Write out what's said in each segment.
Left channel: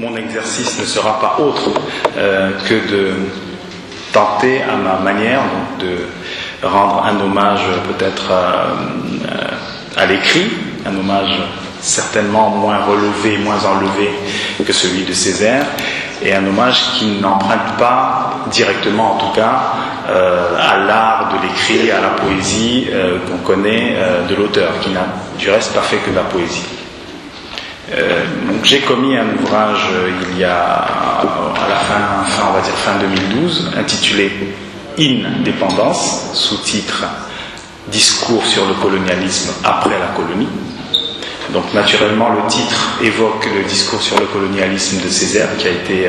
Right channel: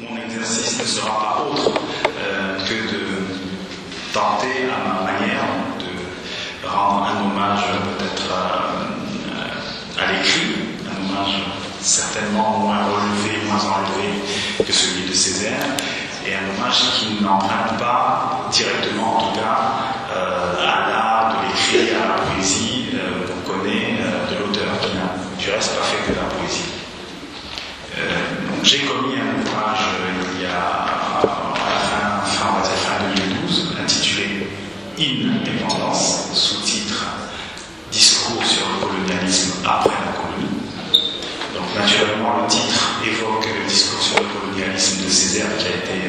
mon exercice ne sera pas autre que de tenter à ma manière de rendre un hommage peut-être à l'écrit, un hommage certainement moins relevé, moins enlevé que celui de Césaire, et un hommage qui n'emprunte pas directement, en tout cas, à l'art de l'écrit, à la poésie qu'on connaît de l'auteur, qui n'a du reste pas fait que de la poésie. J'ai commis un ouvrage il y a à la fin 2012, intitulé Indépendance, sous-titre Discours sur le colonialisme après la colonie. Donc naturellement le titre évoque le discours sur le colonialisme de Césaire qui a été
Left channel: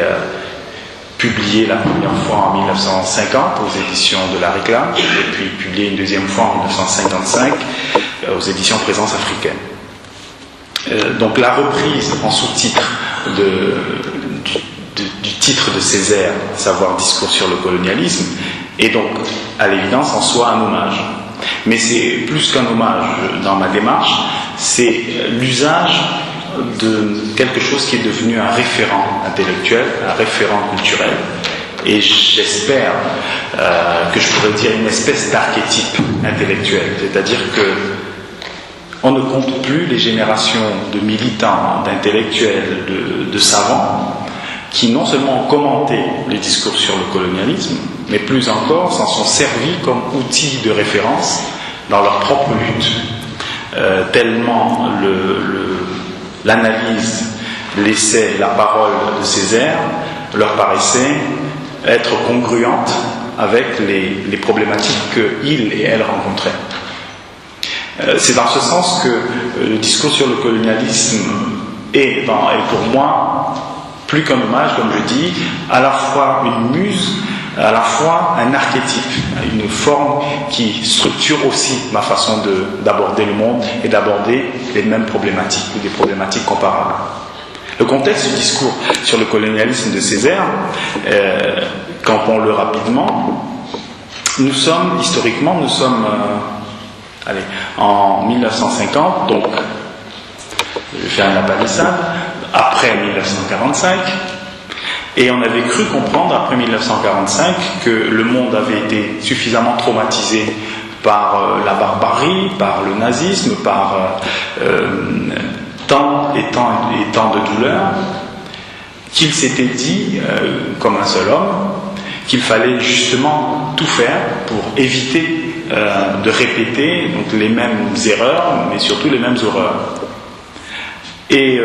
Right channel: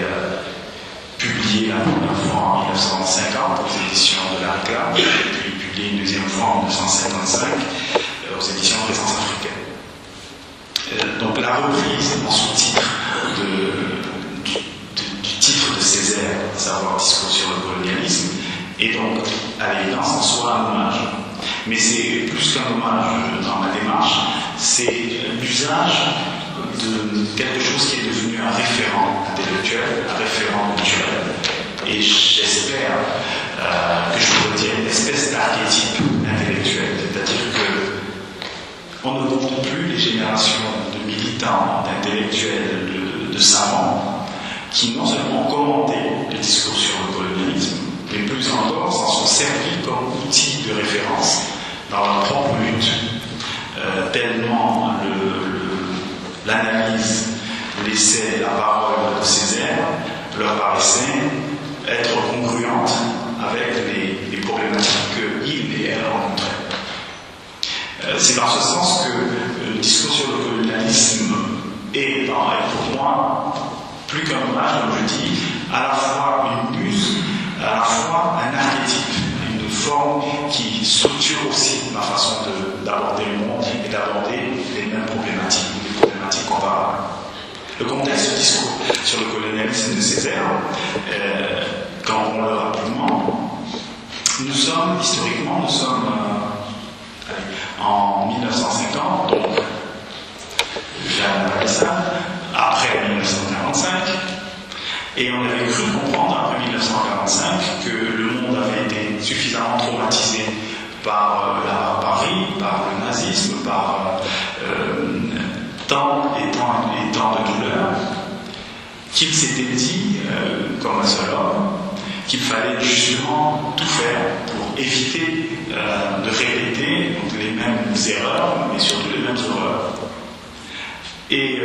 publié la première fois en 1950 aux éditions de la Réclame et puis publié une deuxième fois en 1955 aux éditions Présence africaine. Donc la reprise en sous-titre du titre de Césaire, à savoir Discours sur le colonialisme, est donc à l'évidence en soi un hommage. Mais c'est plus qu'un hommage dans ma démarche, c'est l'usage de quelque chose qui est devenu un référent intellectuel, un référent culturel. Et j'espère que je pourrais dire une espèce d'archétype intellectuel, c'est-à-dire que on ne compte plus les générations de militants, d'intellectuels, de savants qui non seulement ont commenté les discours sur le colonialisme, mais plus encore s'en sont servis comme outil de référence dans leur propre lutte. Tellement l'analyse, l'essai, la parole de Césaire leur paraissait être congruente avec les problématiques qu'il et elle rencontraient. C'est dans ce sens que le discours sur le colonialisme est pour moi, plus qu'un hommage, comme je dis, à la fois une muse, à la fois un archétype, une forme qui structure aussi ma façon d'aborder le monde et d'aborder les mêmes problématiques ou des problématiques comparables. Le contexte du discours sur le colonialisme de Césaire, campons-le rapidement, nous sommes en 1950, donc j'ai un palissade, après 1945, et on avait cru comprendre après 1945 que le monde avait été suffisamment traumatisé par la barbarie, par le nazisme, par tant de douleurs, qu'il s'était dit, comme un seul homme, qu'il fallait justement tout faire pour éviter de répéter donc, les mêmes erreurs, mais surtout les mêmes horreurs. Et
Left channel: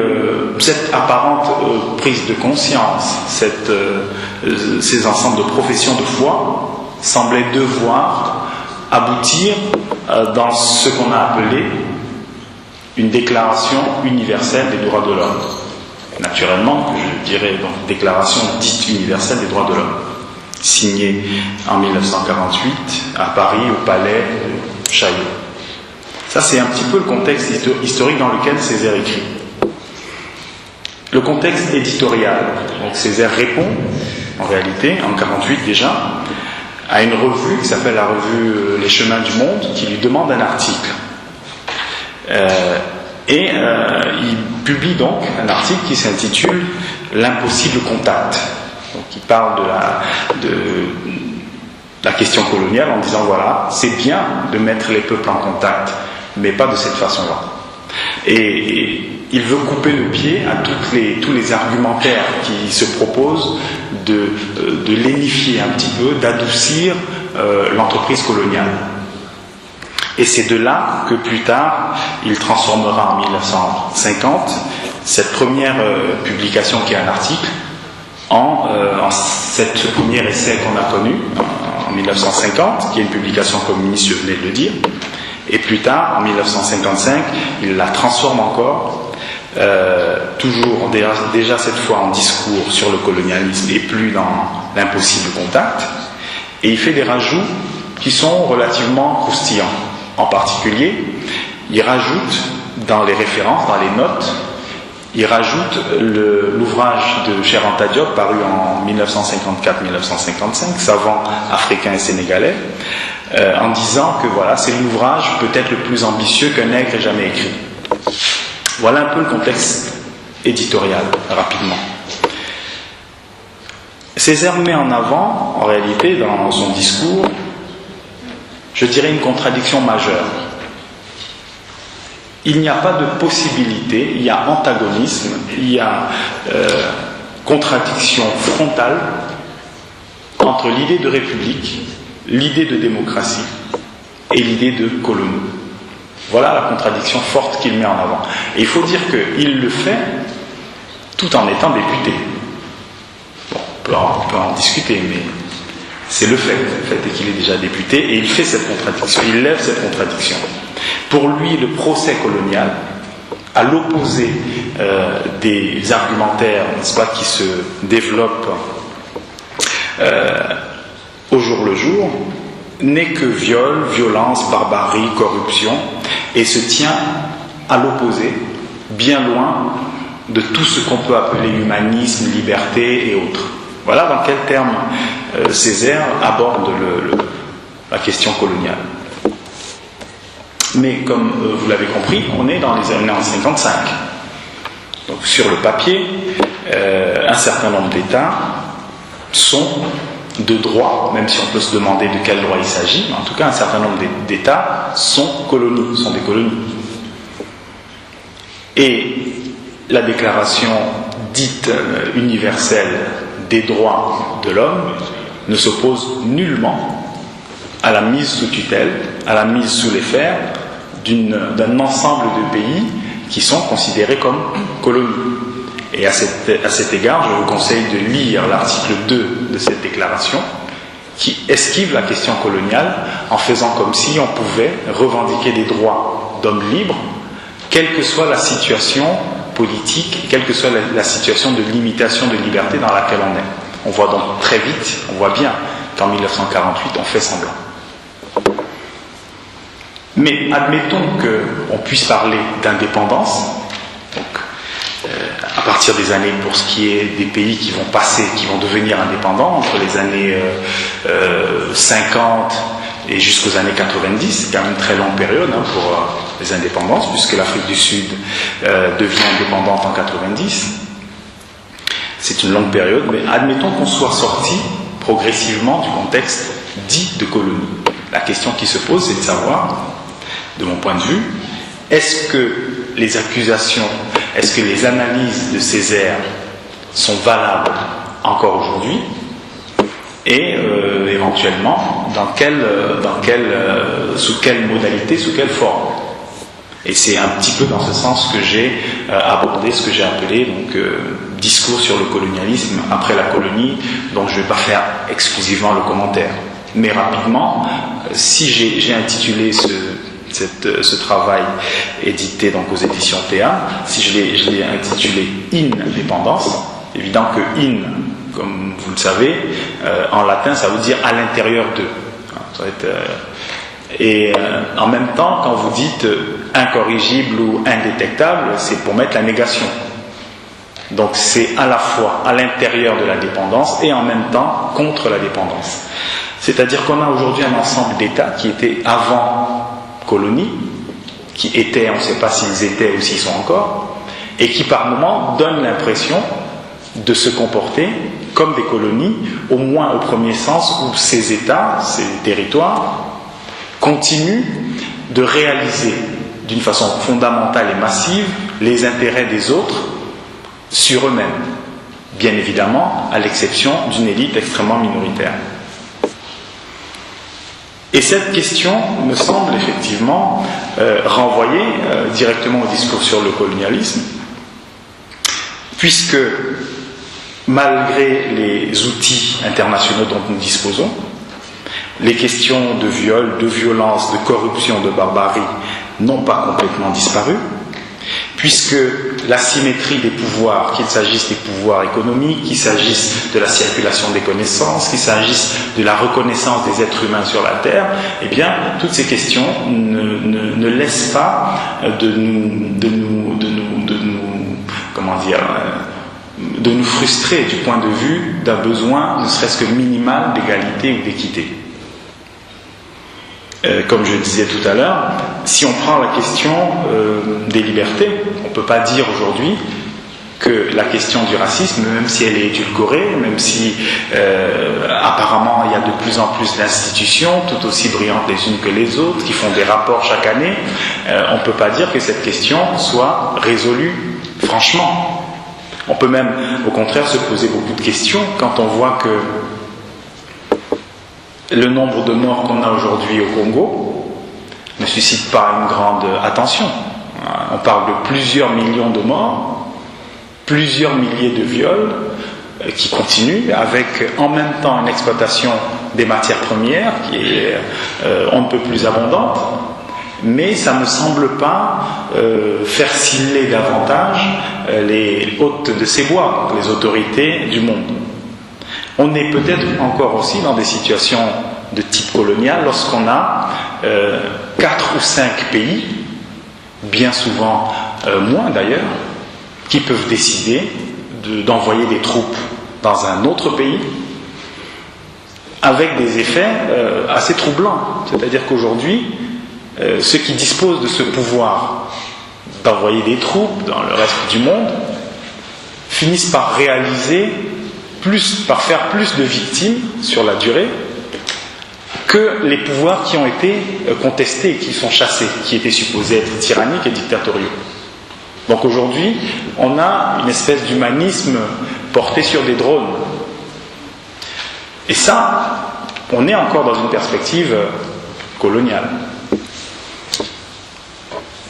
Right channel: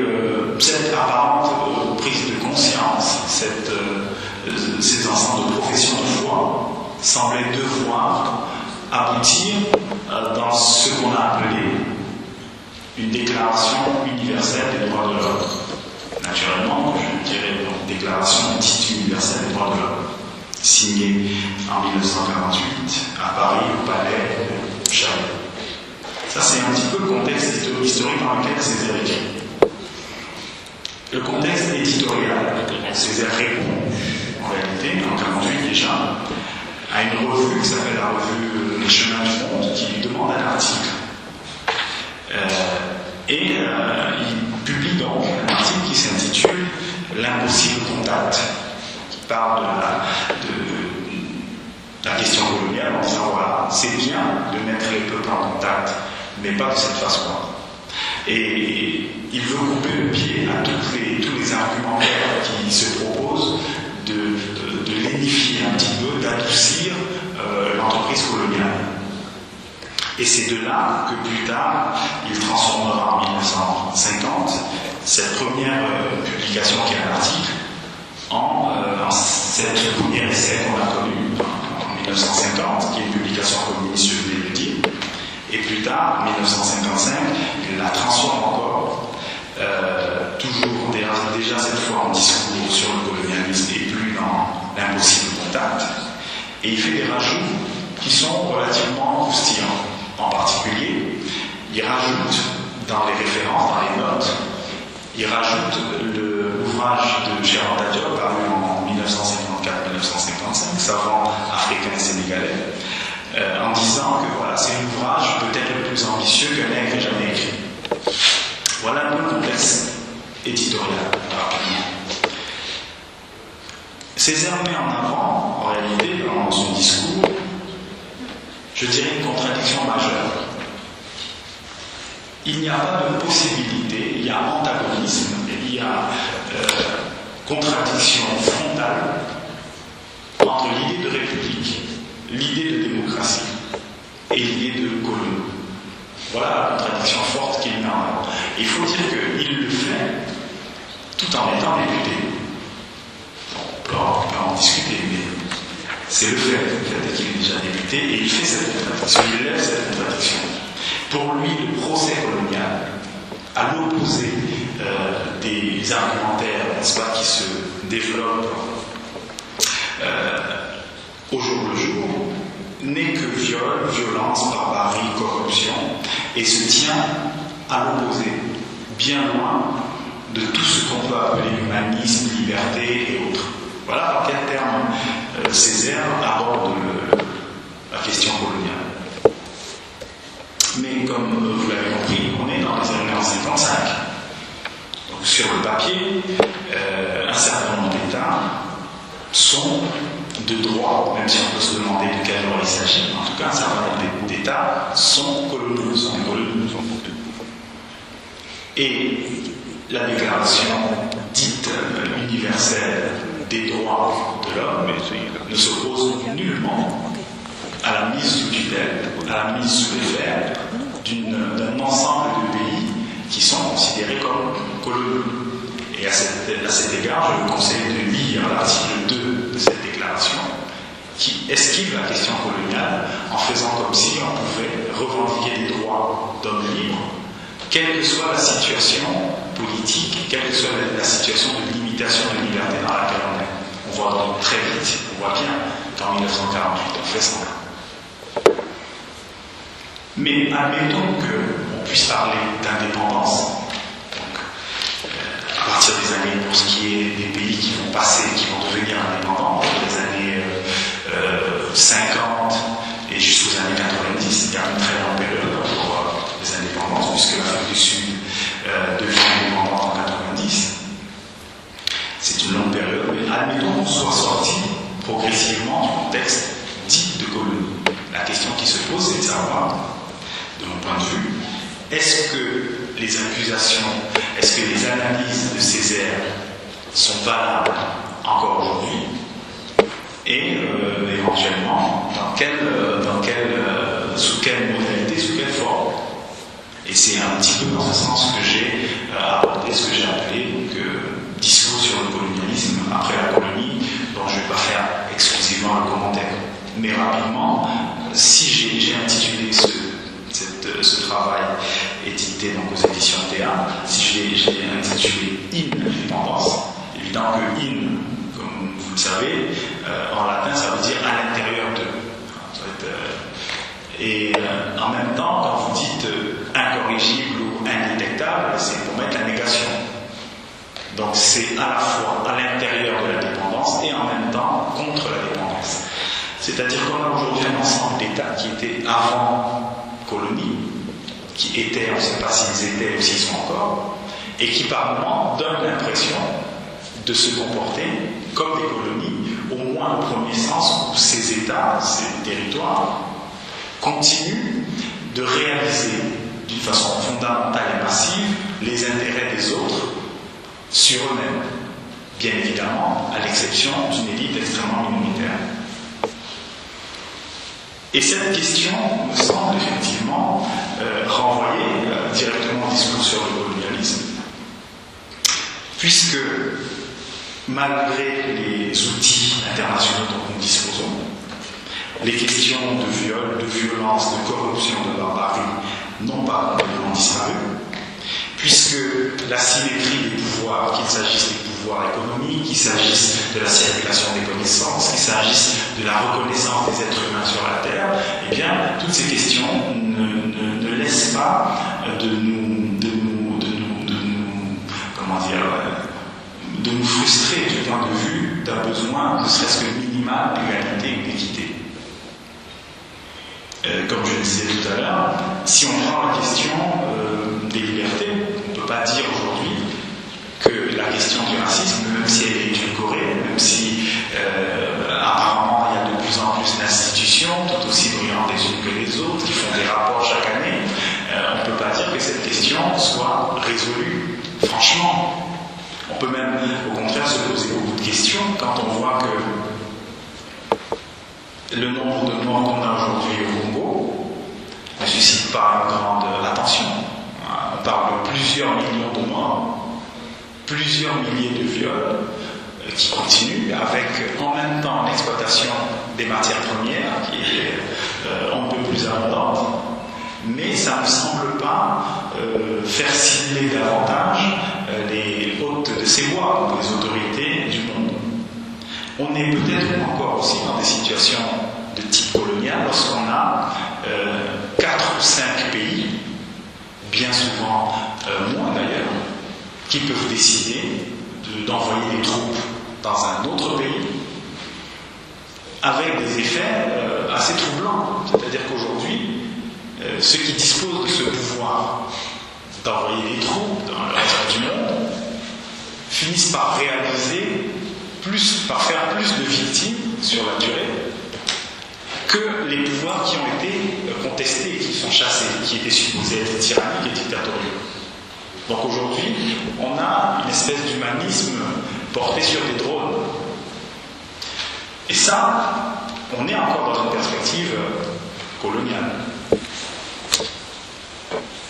cette apparente prise de conscience, ces ensembles de professions de foi, semblaient devoir aboutir dans ce qu'on a appelé une déclaration universelle des droits de l'homme. Naturellement, je dirais donc déclaration dite universelle des droits de l'homme, signée en 1948 à Paris au palais de Chaillot. Ça, c'est un petit peu le contexte historique dans lequel Césaire écrit. Le contexte éditorial. Donc Césaire répond, en réalité, en 1948 déjà, à une revue qui s'appelle la revue Les Chemins du Monde, qui lui demande un article. Il publie donc un article qui s'intitule L'impossible contact. Donc il parle de la question coloniale en disant voilà, c'est bien de mettre les peuples en contact, mais pas de cette façon-là. Et il veut couper le pied à tous les argumentaires qui se proposent de lénifier un petit peu, d'adoucir l'entreprise coloniale. Et c'est de là que plus tard, il transformera en 1950 cette première publication qui est un article en cette premier essai qu'on a connu en 1950, qui est une publication communiste, je venais de le dire. Et plus tard, en 1955, il la transforme encore, toujours déjà cette fois en discours sur le colonialisme et plus dans l'impossible contact. Et il fait des rajouts qui sont relativement croustillants. En particulier, il rajoute dans les références, dans les notes, il rajoute l'ouvrage de Cheikh Anta Diop paru en 1954-1955, Savants africains et sénégalais, en disant que voilà, c'est l'ouvrage peut-être le plus ambitieux qu'un nègre ait jamais écrit. Voilà un peu le contexte éditorial, rapidement. Césaire met en avant, en réalité, dans son discours, je dirais une contradiction majeure. Il n'y a pas de possibilité, il y a antagonisme, il y a contradiction frontale entre l'idée de république, l'idée de démocratie et l'idée de colonie. Voilà la contradiction forte qu'il met en avant. Et il faut dire qu'il le fait tout en étant député. Bon, on peut en discuter, mais c'est le fait. Le fait est qu'il est déjà député et il fait cette contradiction, il lève cette contradiction. Pour lui, le procès colonial, à l'opposé des argumentaires, n'est-ce pas, qui se développent au jour le jour, n'est que viol, violence, barbarie, corruption, et se tient à l'opposé, bien loin de tout ce qu'on peut appeler humanisme, liberté et autres. Voilà dans quels termes Césaire aborde la question coloniale. Mais comme vous l'avez compris, on est dans les années 1955. Donc sur le papier, un certain nombre d'États sont de droit, même si on peut se demander de quel droit il s'agit, en tout cas un certain nombre d'États sont colonies, sont des colonies. Et la déclaration dite universelle des droits de l'homme ne s'oppose nullement à la mise sous tutelle, à la mise sous les fers d'un ensemble de pays qui sont considérés comme colonies. Et à cet égard, je vous conseille de lire l'article 2 de cette déclaration qui esquive la question coloniale en faisant comme si on pouvait revendiquer des droits d'hommes libres, quelle que soit la situation politique, quelle que soit la situation de limitation de liberté dans laquelle on est. On voit donc très vite, on voit bien qu'en 1948, on fait semblant. Mais admettons qu'on puisse parler d'indépendance, donc à partir des années, pour ce qui est des pays qui vont passer, qui vont devenir indépendants, entre les années 50 et jusqu'aux années 90, c'est quand même une très longue période pour les indépendances, puisque l'Afrique du Sud devient indépendante en 90. C'est une longue période, mais admettons qu'on soit sorti progressivement du contexte dit de colonie. La question qui se pose, c'est de savoir, de mon point de vue, est-ce que les accusations, est-ce que les analyses de Césaire sont valables encore aujourd'hui, et éventuellement sous quelle modalité, sous quelle forme. Et c'est un petit peu dans ce sens que j'ai abordé ce que j'ai appelé discours sur le colonialisme après la colonie, dont je ne vais pas faire exclusivement le commentaire. Mais rapidement, si j'ai intitulé ce travail édité donc aux éditions TA, si je l'ai intitulé Indépendance, évident que in, comme vous le savez, en latin ça veut dire à l'intérieur d'eux. Et en même temps, quand vous dites incorrigible ou indétectable, c'est pour mettre la négation. Donc c'est à la fois à l'intérieur de la dépendance et en même temps contre la dépendance. C'est-à-dire qu'on a aujourd'hui un ensemble d'États qui étaient avant colonie, qui étaient, on ne sait pas s'ils étaient ou s'ils sont encore, et qui par moments donnent l'impression de se comporter comme des colonies, au moins au premier sens où ces États, ces territoires, continuent de réaliser d'une façon fondamentale et massive les intérêts des autres sur eux-mêmes, bien évidemment à l'exception d'une élite extrêmement minoritaire. Et cette question me semble effectivement renvoyer directement au discours sur le colonialisme, puisque malgré les outils internationaux dont nous disposons, les questions de viol, de violence, de corruption, de barbarie n'ont pas complètement disparu, puisque la symétrie des pouvoirs, qu'il s'agisse des pouvoirs économiques, qu'il s'agisse de la circulation des connaissances, qu'il s'agisse de la reconnaissance des êtres humains sur la Terre, eh bien, toutes ces questions ne laissent pas de nous frustrer du point de vue d'un besoin, ne serait-ce que minimal, d'égalité ou d'équité. Comme je le disais tout à l'heure, si on prend la question des libertés, on ne peut pas dire aujourd'hui que la question du racisme, même si elle est édulcorée, même si apparemment il y a de plus en plus d'institutions, tout aussi brillantes les unes que les autres, qui font des rapports chaque année, on ne peut pas dire que cette question soit résolue franchement. On peut même, au contraire, se poser beaucoup de questions quand on voit que le nombre de morts qu'on a aujourd'hui au Congo ne suscite pas une grande attention. On parle de plusieurs millions de morts, plusieurs milliers de viols qui continuent, avec en même temps une exploitation des matières premières qui est on ne peut plus abondante, mais ça ne me semble pas faire sciller davantage les hôtes de ces bois, les autorités du monde. On est peut-être encore aussi dans des situations de type colonial lorsqu'on a 4 ou 5 pays, bien souvent moins d'ailleurs, qui peuvent décider d'envoyer des troupes dans un autre pays avec des effets assez troublants. C'est-à-dire qu'aujourd'hui, ceux qui disposent de ce pouvoir d'envoyer des troupes dans le reste du monde finissent par réaliser par faire plus de victimes sur la durée que les pouvoirs qui ont été contestés, qui sont chassés, qui étaient supposés être tyranniques et dictatoriaux. Donc aujourd'hui, on a une espèce d'humanisme porté sur des drones. Et ça, on est encore dans une perspective coloniale.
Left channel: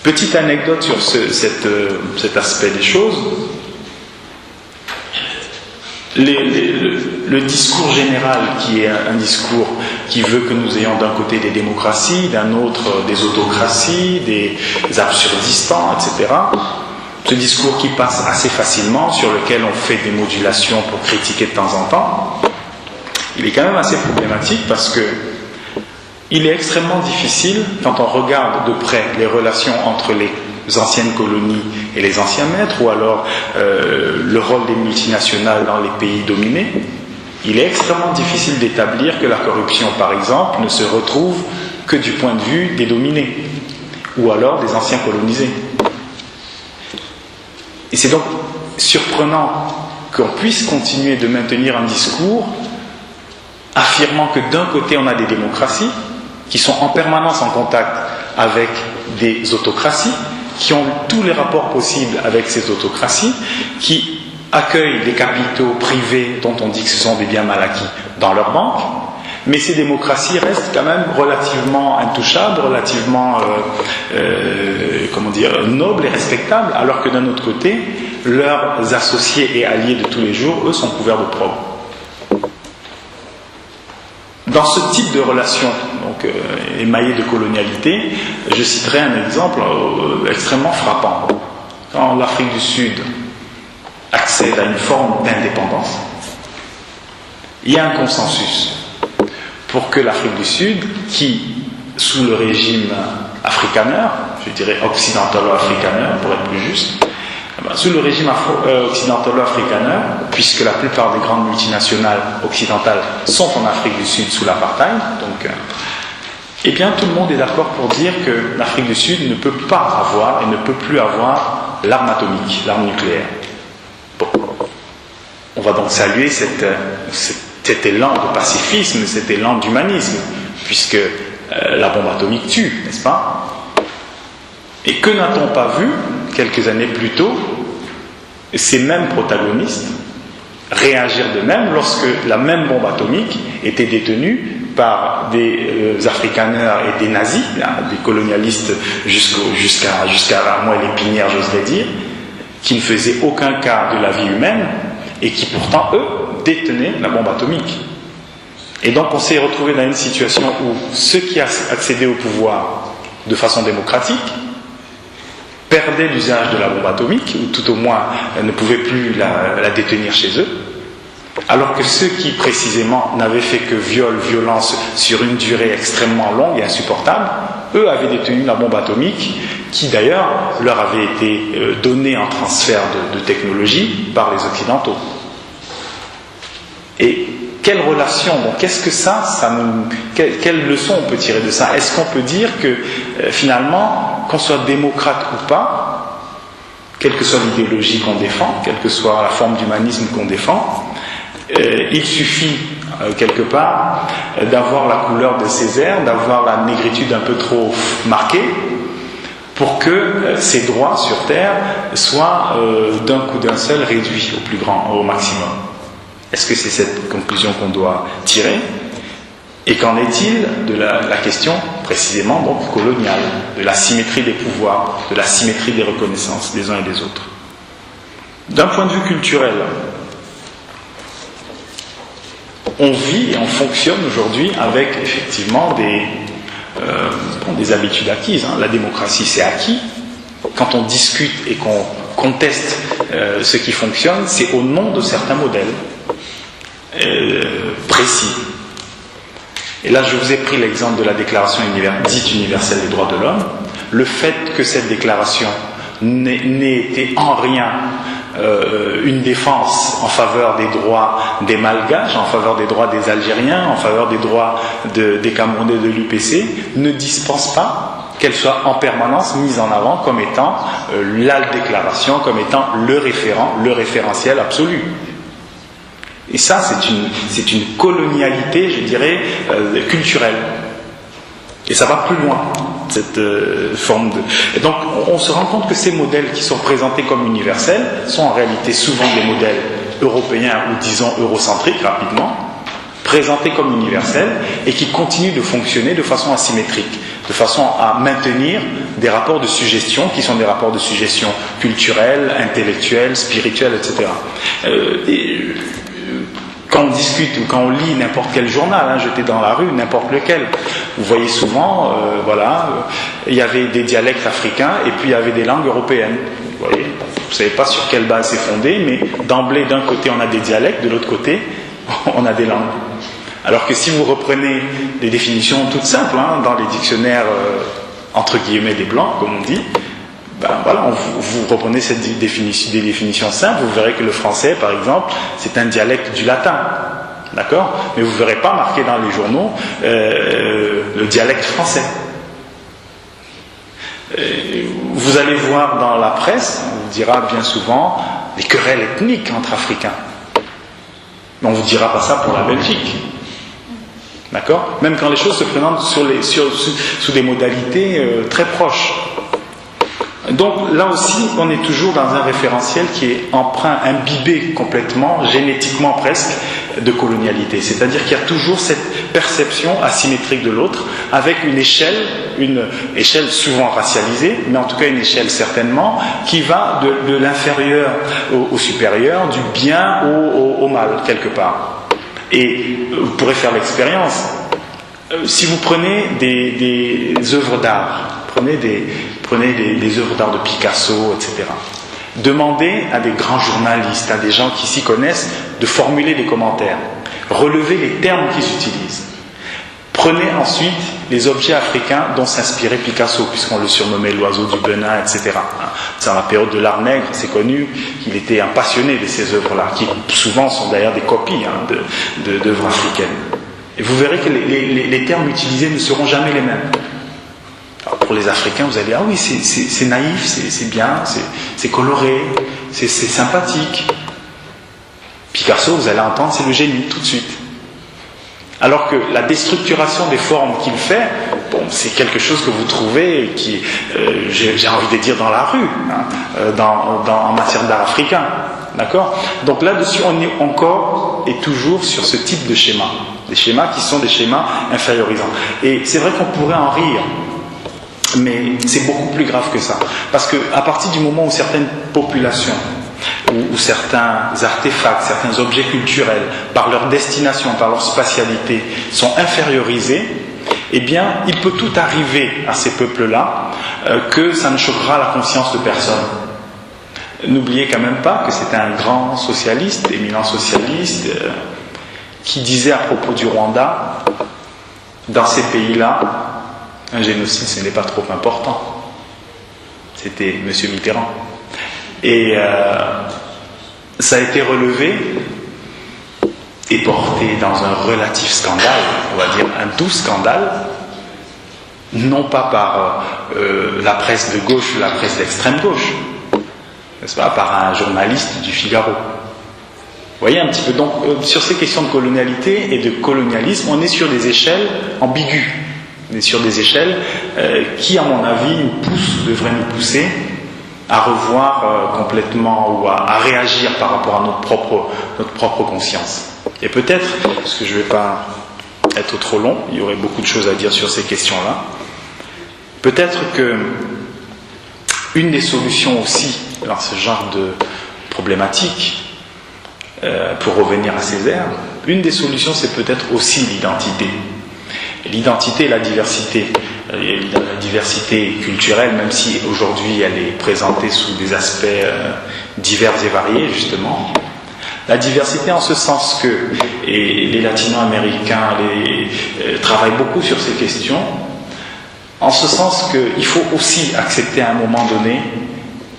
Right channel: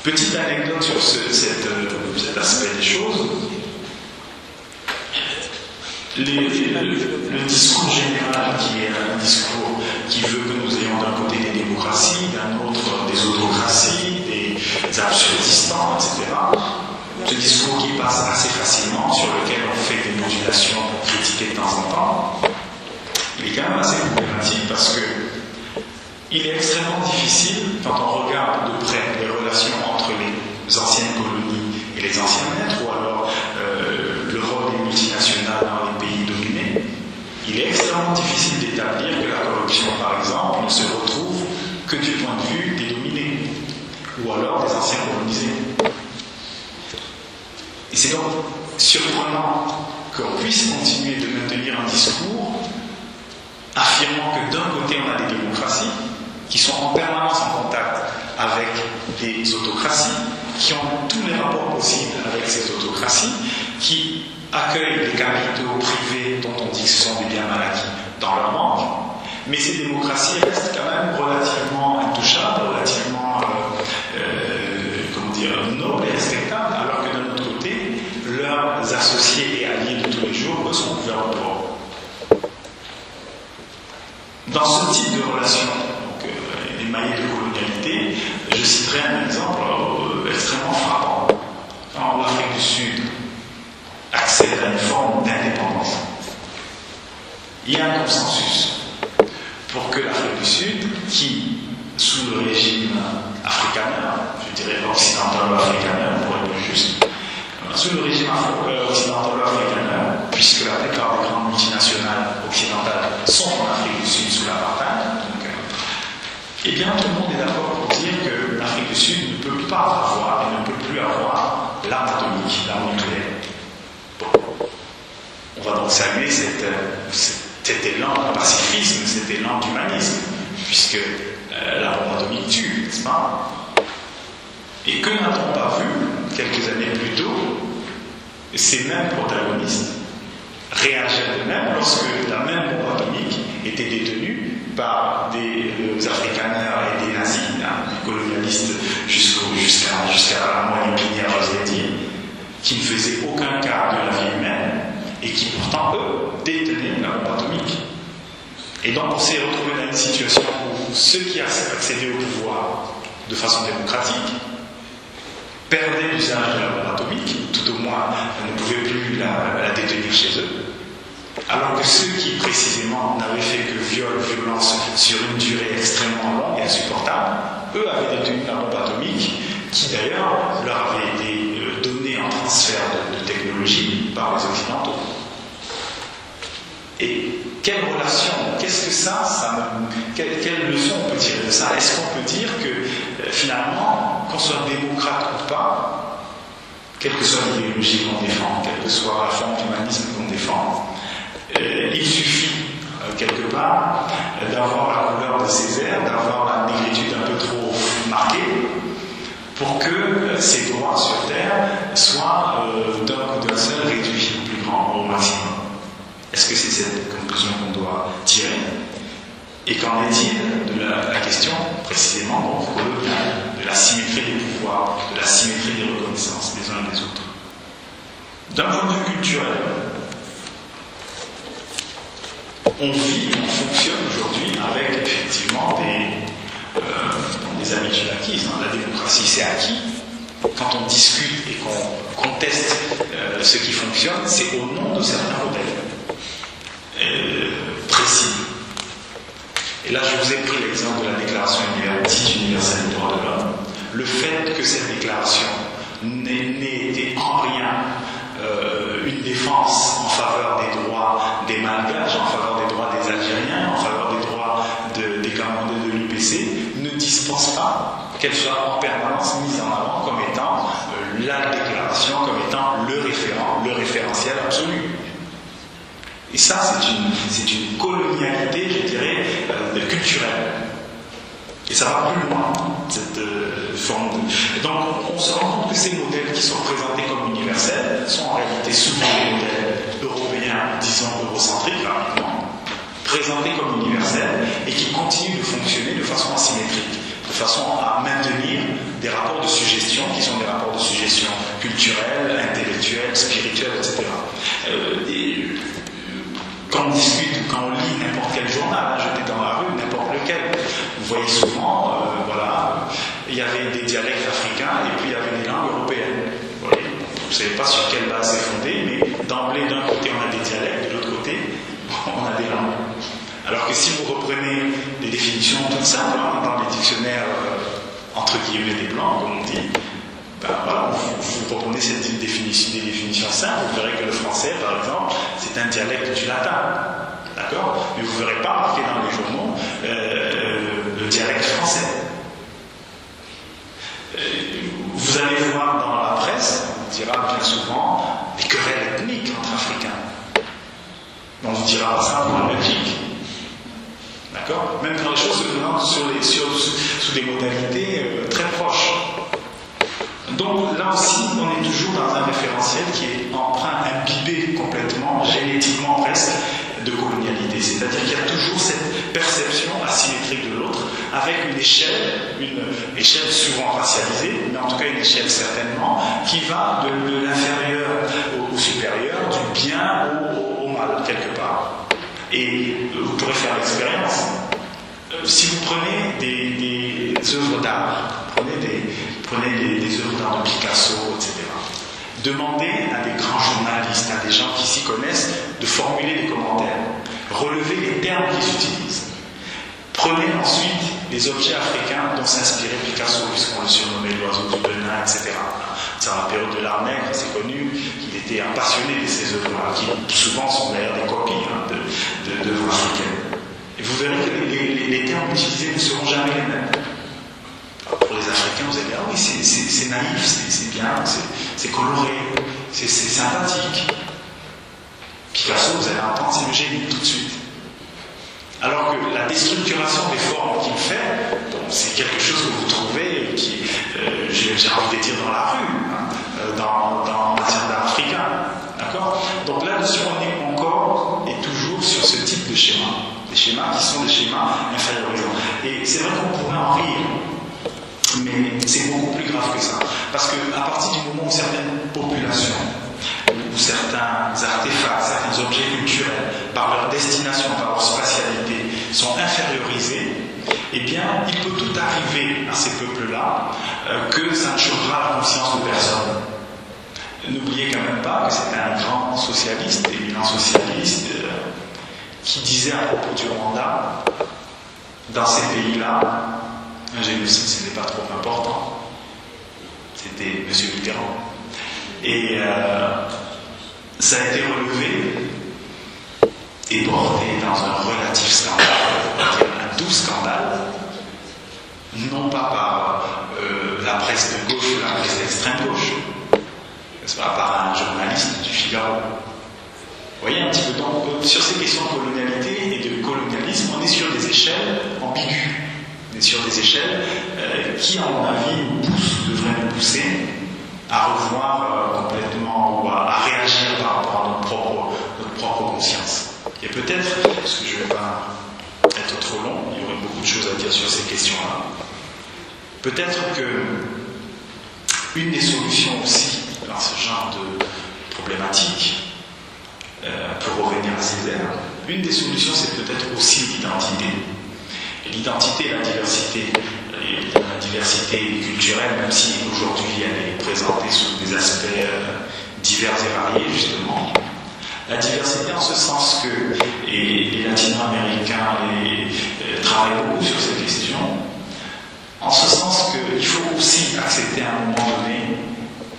Petite anecdote sur cet aspect des choses. Le discours général, qui est un discours qui veut que nous ayons d'un côté des démocraties, d'un autre des autocraties, des absurdistans, etc., ce discours qui passe assez facilement, sur lequel on fait des modulations pour critiquer de temps en temps, il est quand même assez problématique parce que il est extrêmement difficile, quand on regarde de près les relations entre les anciennes colonies et les anciens maîtres, ou alors le rôle des multinationales dans les pays dominés, il est extrêmement difficile d'établir que la corruption, par exemple, ne se retrouve que du point de vue des dominés, ou alors des anciens colonisés. Et c'est donc surprenant qu'on puisse continuer de maintenir un discours affirmant que d'un côté on a des démocraties qui sont en permanence en contact avec des autocraties, qui ont tous les rapports possibles avec ces autocraties, qui accueillent les capitaux privés dont on dit que ce sont des biens mal acquis dans leurs banques, mais ces démocraties restent quand même relativement intouchables, relativement nobles et respectables, alors que d'un autre côté, leurs associés et alliés de tous les jours, eux, sont couverts d'opprobre. Dans ce type de relation émaillée de colonialité, je citerai un exemple extrêmement frappant. Quand l'Afrique du Sud accède à une forme d'indépendance, il y a un consensus pour que l'Afrique du Sud, qui, sous le régime afrikaner, je dirais occidentalo-afrikaner pour être plus juste, sous le régime occidentalo-afrikaner, puisque la plupart des grandes multinationales occidentales sont en Afrique du Sud sous l'apartheid, donc, eh bien tout le monde est d'accord pour dire que l'Afrique du Sud ne peut pas avoir et ne peut plus avoir l'arme atomique, l'arme nucléaire. Bon. On va donc saluer cet élan de pacifisme, cet élan d'humanisme, puisque la bombe atomique tue, n'est-ce pas? Et que n'a-t-on pas vu, quelques années plus tôt, ces mêmes protagonistes réagir de même lorsque la même bombe atomique était détenue par des afrikaners et des nazis, des colonialistes jusqu'à la moelle épinière, j'oserais dire, qui ne faisaient aucun cas de la vie humaine et qui pourtant, eux, détenaient la bombe atomique. Et donc on s'est retrouvé dans une situation où ceux qui accédaient au pouvoir de façon démocratique perdaient l'usage de la bombe atomique, ou tout au moins ne pouvaient plus la détenir chez eux, alors que ceux qui précisément n'avaient fait que violence sur une durée extrêmement longue et insupportable, eux avaient détenu la bombe atomique, qui d'ailleurs leur avait été donnée en transfert de technologie par les Occidentaux. Et quelle relation, qu'est-ce que quelle leçon on peut tirer de ça? Est-ce qu'on peut dire que finalement, qu'on soit démocrate ou pas, quelle que soit l'idéologie qu'on défend, quelle que soit la forme d'humanisme qu'on défend, il suffit quelque part d'avoir la couleur de Césaire, d'avoir la négritude un peu trop marquée, pour que ces droits sur Terre soient d'un coup d'un seul réduits au plus grand, au maximum. Est-ce que c'est cette conclusion qu'on doit tirer? Et qu'en est-il de la question précisément donc coloniale, de la symétrie des pouvoirs, de la symétrie des reconnaissances des uns et des autres? D'un point de vue culturel, on vit et on fonctionne aujourd'hui avec effectivement des habitudes acquises. La démocratie, c'est acquis. Quand on discute et qu'on conteste ce qui fonctionne, c'est au nom de certains modèles précis. Et là, je vous ai pris l'exemple de la Déclaration dite universelle des droits de l'homme. Le fait que cette déclaration n'ait été en rien une défense en faveur des droits des Malgaches, en faveur des droits des Algériens, en faveur des droits des Camerounais de l'UPC, ne dispense pas qu'elle soit en permanence mise en avant comme étant la déclaration, comme étant le référentiel absolu. Et ça, c'est une colonialité, je dirais, culturelle. Et ça va plus loin, cette forme de... Et donc, on se rend compte que ces modèles qui sont présentés comme universels sont en réalité souvent des modèles européens ou disons eurocentriques, rapidement, présentés comme universels et qui continuent de fonctionner de façon asymétrique, de façon à maintenir des rapports de suggestion qui sont des rapports de suggestion culturelle, intellectuelle, spirituelle, etc. Quand on discute ou quand on lit n'importe quel journal, jeté dans la rue, n'importe lequel, vous voyez souvent, il y avait des dialectes africains et puis il y avait des langues européennes. Vous voyez, vous ne savez pas sur quelle base c'est fondé, mais d'emblée, d'un côté on a des dialectes, de l'autre côté on a des langues. Alors que si vous reprenez des définitions toutes simples, dans les dictionnaires entre guillemets des blancs, comme on dit, vous reprenez des définitions simples, vous verrez que le français, par exemple, c'est un dialecte du latin, d'accord? Mais vous ne verrez pas marqué dans les journaux le dialecte français. Vous allez voir dans la presse, on vous dira bien souvent des querelles ethniques entre Africains. Mais on ne vous dira pas ça pour la Belgique. D'accord? Même quand les choses se présentent sous des modalités très proches. Donc là aussi, on est toujours dans un référentiel qui est empreint, imbibé complètement, génétiquement presque, de colonialité. C'est-à-dire qu'il y a toujours cette perception asymétrique de l'autre, avec une échelle souvent racialisée, mais en tout cas une échelle certainement, qui va de l'inférieur au supérieur, du bien au mal, quelque part. Et vous pourrez faire l'expérience. Si vous prenez des œuvres d'art, prenez des œuvres d'art de Picasso, etc. Demandez à des grands journalistes, à des gens qui s'y connaissent, de formuler des commentaires. Relevez les termes qu'ils utilisent. Prenez ensuite les objets africains dont s'inspirait Picasso, puisqu'on le surnommait l'oiseau du Benin, etc. C'est dans la période de l'art nègre, c'est connu qu'il était un passionné de ces œuvres-là, qui souvent sont d'ailleurs des copies d'œuvres africaines. Et vous verrez que les termes utilisés ne seront jamais les mêmes. Alors pour les Africains, vous allez dire, ah oui, c'est naïf, c'est bien, c'est coloré, c'est sympathique. Picasso, vous allez entendre, c'est le génie, tout de suite. Alors que la déstructuration des formes qu'il fait, c'est quelque chose que vous trouvez qui, j'ai envie de dire, dans la rue, en matière d'art africain. D'accord? Donc là-dessus, on est encore et toujours sur ce type de schéma. Des schémas qui sont des schémas infériorisants. Et c'est vrai qu'on pourrait en rire, mais c'est beaucoup plus grave que ça. Parce qu'à partir du moment où certaines populations, ou certains artefacts, certains objets culturels, par leur destination, par leur spatialité, sont infériorisés, eh bien, il peut tout arriver à ces peuples-là que ça ne choquera la conscience de personne. N'oubliez quand même pas que c'était un grand socialiste, éminent socialiste, qui disait à propos du Rwanda, dans ces pays-là, un génocide, ce n'est pas trop important. C'était M. Mitterrand. Et ça a été relevé et porté dans un relatif scandale, on va dire un doux scandale, non pas par la presse de gauche ou la presse d'extrême gauche, n'est-ce pas, par un journaliste du Figaro. Vous voyez un petit peu, donc sur ces questions de colonialité et de colonialisme, on est sur des échelles ambiguës. On est sur des échelles qui, à mon avis, devraient nous pousser à revoir complètement ou à réagir par rapport à notre propre conscience. Et peut-être, parce que je ne vais pas être trop long, il y aurait beaucoup de choses à dire sur ces questions-là, peut-être que une des solutions aussi dans ce genre de problématique, pour revenir à Césaire, une des solutions c'est peut-être aussi l'identité. L'identité et la diversité. La diversité culturelle, même si aujourd'hui elle est présentée sous des aspects divers et variés justement. La diversité en ce sens que, et les latino-américains travaillent beaucoup sur ces questions, en ce sens qu'il faut aussi accepter à un moment donné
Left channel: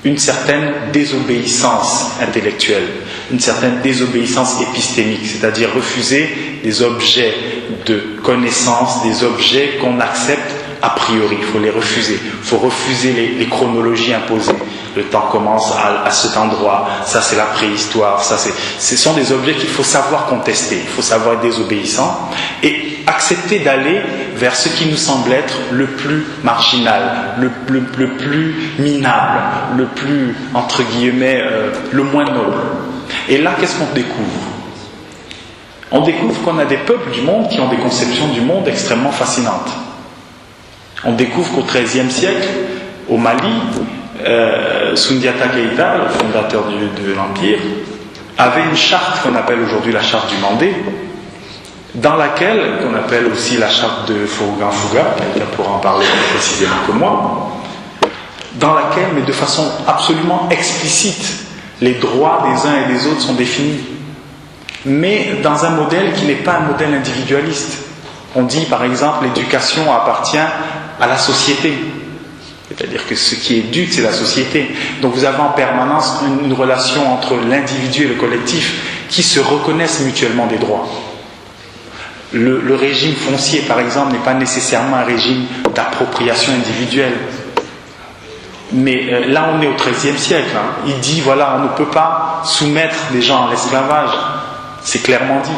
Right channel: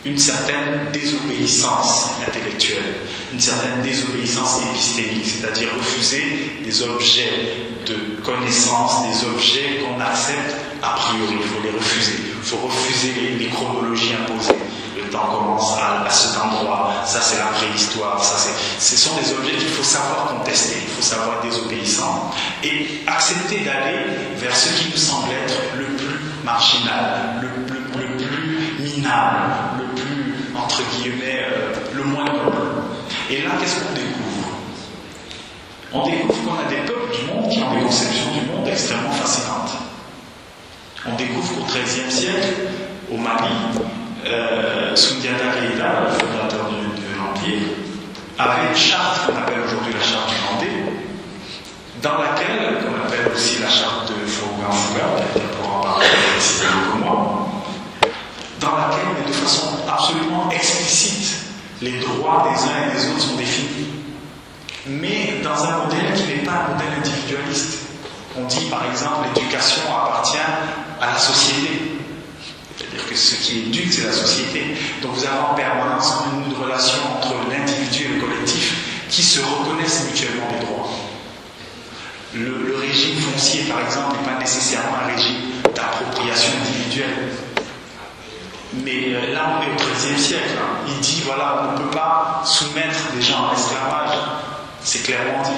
une certaine désobéissance intellectuelle, une certaine désobéissance épistémique, c'est-à-dire refuser des objets de connaissance, des objets qu'on accepte a priori, il faut les refuser. Il faut refuser les chronologies imposées. Le temps commence à cet endroit, ça c'est la préhistoire, ce sont des objets qu'il faut savoir contester, il faut savoir être désobéissant et accepter d'aller vers ce qui nous semble être le plus marginal, le plus minable, le plus, entre guillemets, le moins noble. Et là, qu'est-ce qu'on découvre ? On découvre qu'on a des peuples du monde qui ont des conceptions du monde extrêmement fascinantes. On découvre qu'au XIIIe siècle, au Mali, Soundiata Keïta, le fondateur de l'Empire, avait une charte qu'on appelle aujourd'hui la charte du Mandé, dans laquelle, qu'on appelle aussi la charte de Fouga, quelqu'un pourra en parler plus précisément que moi, dans laquelle, mais de façon absolument explicite, les droits des uns et des autres sont définis, mais dans un modèle qui n'est pas un modèle individualiste. On dit par exemple l'éducation appartient à la société. C'est-à-dire que ce qui éduque, c'est la société. Donc vous avez en permanence une relation entre l'individu et le collectif qui se reconnaissent mutuellement des droits. Le régime foncier, par exemple, n'est pas nécessairement un régime d'appropriation individuelle. Mais là, on est au XIIIe siècle. Il dit, voilà, on ne peut pas soumettre des gens à l'esclavage. C'est clairement dit.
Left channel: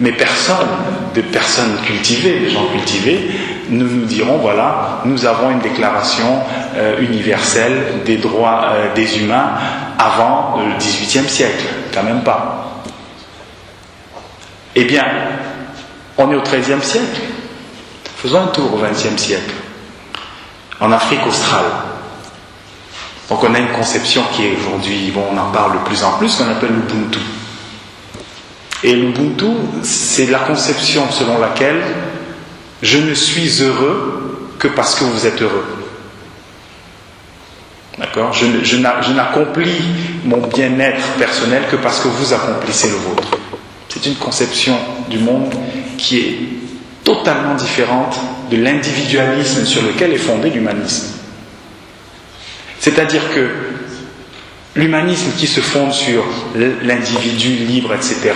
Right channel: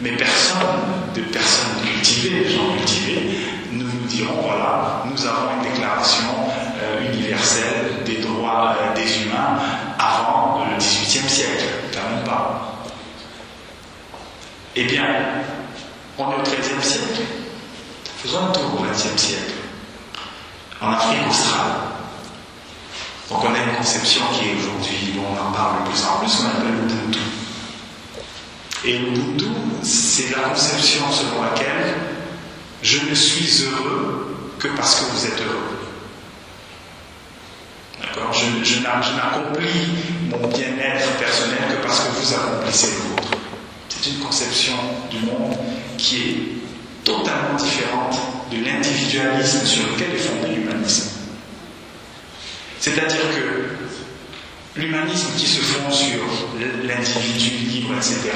Mais des personnes cultivées, des gens cultivés, nous dirons, voilà, nous avons une déclaration universelle des droits des humains avant le XVIIIe siècle, quand même pas. Eh bien, on est au XIIIe siècle. Faisons un tour au XXe siècle. En Afrique australe. Donc on a une conception qui est aujourd'hui, on en parle de plus en plus, qu'on appelle l'Ubuntu. Et l'Ubuntu, c'est la conception selon laquelle je ne suis heureux que parce que vous êtes heureux. D'accord ? Je n'accomplis mon bien-être personnel que parce que vous accomplissez le vôtre. C'est une conception du monde qui est totalement différente de l'individualisme sur lequel est fondé l'humanisme. C'est-à-dire que l'humanisme qui se fonde sur l'individu libre, etc.,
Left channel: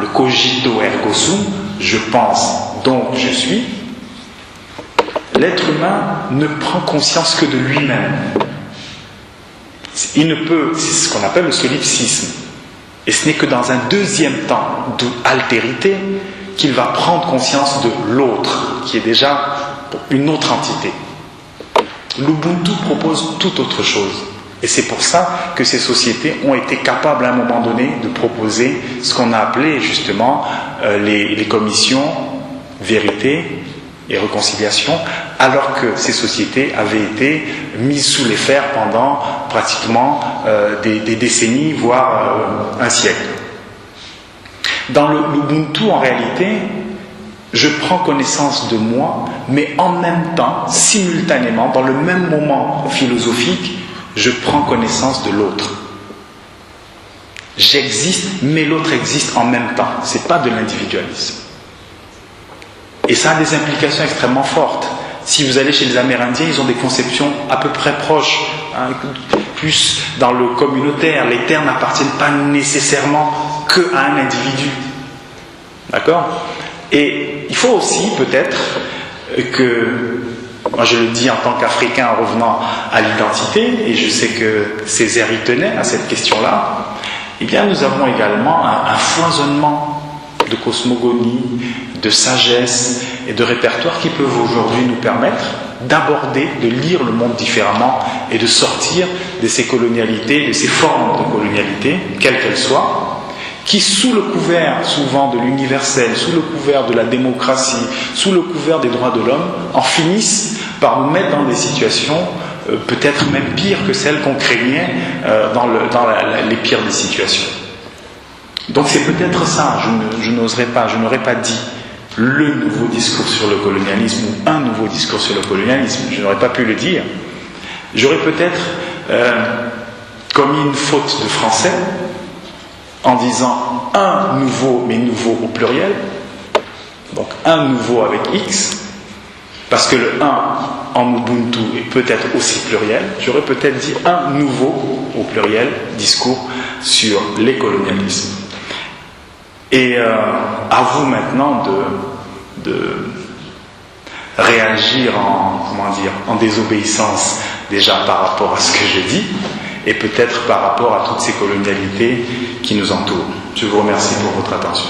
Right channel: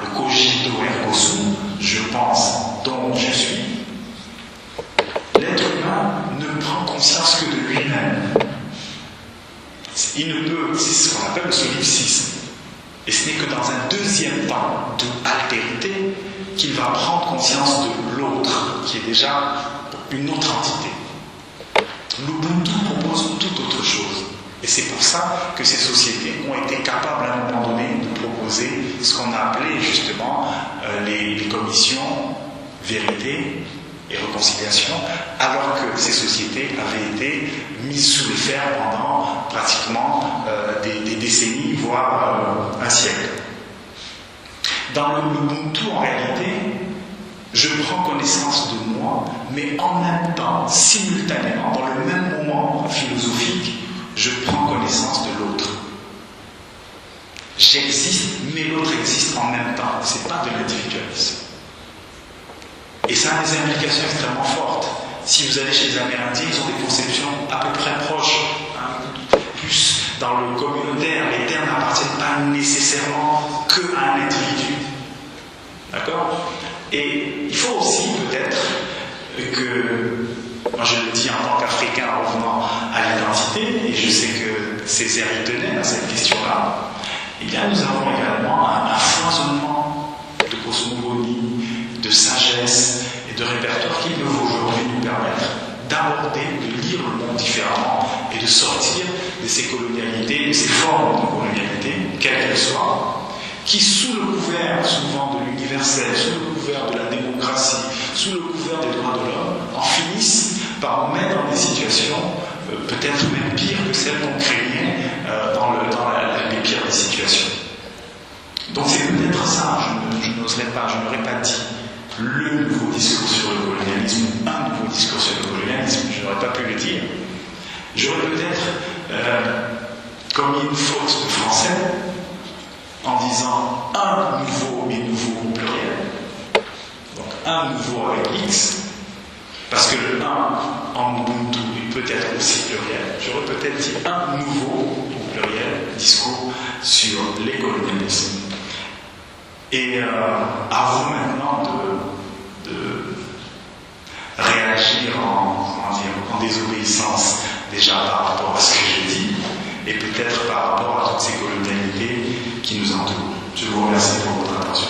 le cogito ergo sum, je pense, donc je suis, l'être humain ne prend conscience que de lui-même. Il ne peut, c'est ce qu'on appelle le solipsisme. Et ce n'est que dans un deuxième temps d'altérité qu'il va prendre conscience de l'autre, qui est déjà une autre entité. L'Ubuntu propose tout autre chose. Et c'est pour ça que ces sociétés ont été capables à un moment donné de proposer ce qu'on a appelé justement les commissions vérité et réconciliation, alors que ces sociétés avaient été mises sous les fers pendant pratiquement des décennies, voire un siècle. Dans l'Ubuntu, en réalité, je prends connaissance de moi, mais en même temps, simultanément, dans le même moment philosophique, je prends connaissance de l'autre. J'existe, mais l'autre existe en même temps. Ce n'est pas de l'individualisme. Et ça a des implications extrêmement fortes. Si vous allez chez les Amérindiens, ils ont des conceptions à peu près proches, plus dans le communautaire. Les terres n'appartiennent pas nécessairement qu'à un individu. D'accord ? Et il faut aussi peut-être Moi je le dis en tant qu'Africain en revenant à l'identité, et je sais que Césaire y tenait à cette question-là, eh bien nous avons également un foisonnement de cosmogonie, de sagesse et de répertoire qui peuvent aujourd'hui nous permettre d'aborder, de lire le monde différemment et de sortir de ces colonialités, de ces formes de colonialité, quelles qu'elles soient, qui sous le couvert souvent de l'universel, sous le couvert de la démocratie, sous le couvert des droits de l'homme, en finissent par nous mettre dans des situations peut-être même pires que celles qu'on craignait dans les pires des situations. Donc c'est peut-être ça, je n'aurais pas dit le nouveau discours sur le colonialisme ou un nouveau discours sur le colonialisme, je n'aurais pas pu le dire. J'aurais peut-être commis une faute de français en disant un nouveau, mais nouveau au pluriel, donc un nouveau avec X, parce que le 1 en Ubuntu est peut-être aussi pluriel. J'aurais peut-être dit un nouveau au pluriel discours sur les colonialismes. Et à vous maintenant de réagir en désobéissance déjà par rapport à ce que je dis et peut-être par rapport à toutes ces colonialités qui nous entourent. Je vous remercie pour votre attention.